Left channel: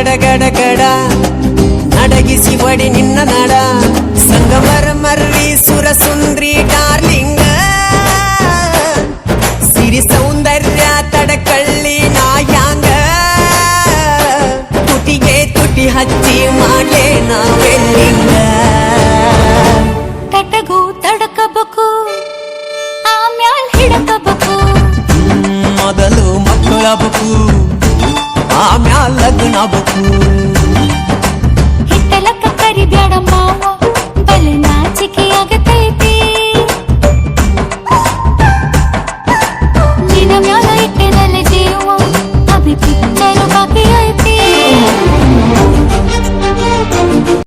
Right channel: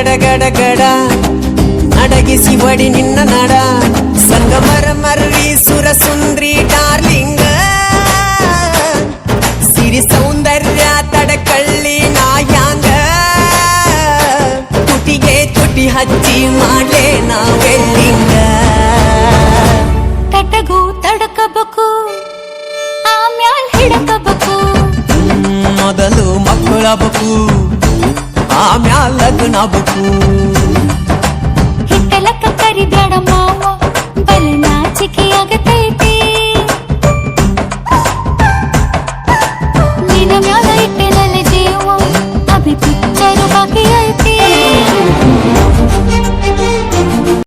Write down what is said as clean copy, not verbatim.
ಗಡ ಗಡ ಗಡ ನಡಗಿಸಿ ಒಡಿ ನಿನ್ನ ನಡ ಸಂಗಮರ ಮರ್ರಿ ಸುರ ಸುಂದ್ರಿ ಡಾರ್ಲಿಂಗ ಸಿರಿ ಸೌಂದರ್ಯ ತಡಕಳ್ಳಿ ನಾಯಾಂಗ ತುಟಿಗೆ ತುಟಿ ಹಚ್ಚಿ ಮಾಡ್ಲೆ ನಾವೆಲ್ಲಿಂಗ ತಟಗೂ ತಡಕಬೇಕು ಆಮ್ಯಾಲ್ ಹಿಡಕಬೇಕು ಮೊದಲು ಮಕ್ಕಳಬೇಕು ಆಮ್ಯಾಲ್ ಲಗ್ನಬೇಕು ಹಿಟ್ಟಲಕ್ಕ ಕರಿಬ್ಯಾಡ ಮಾವ ಬಲೆ ನಾಚಿಕೆಯಾಗತೈತಿ ನಿನ ಮ್ಯಾಲ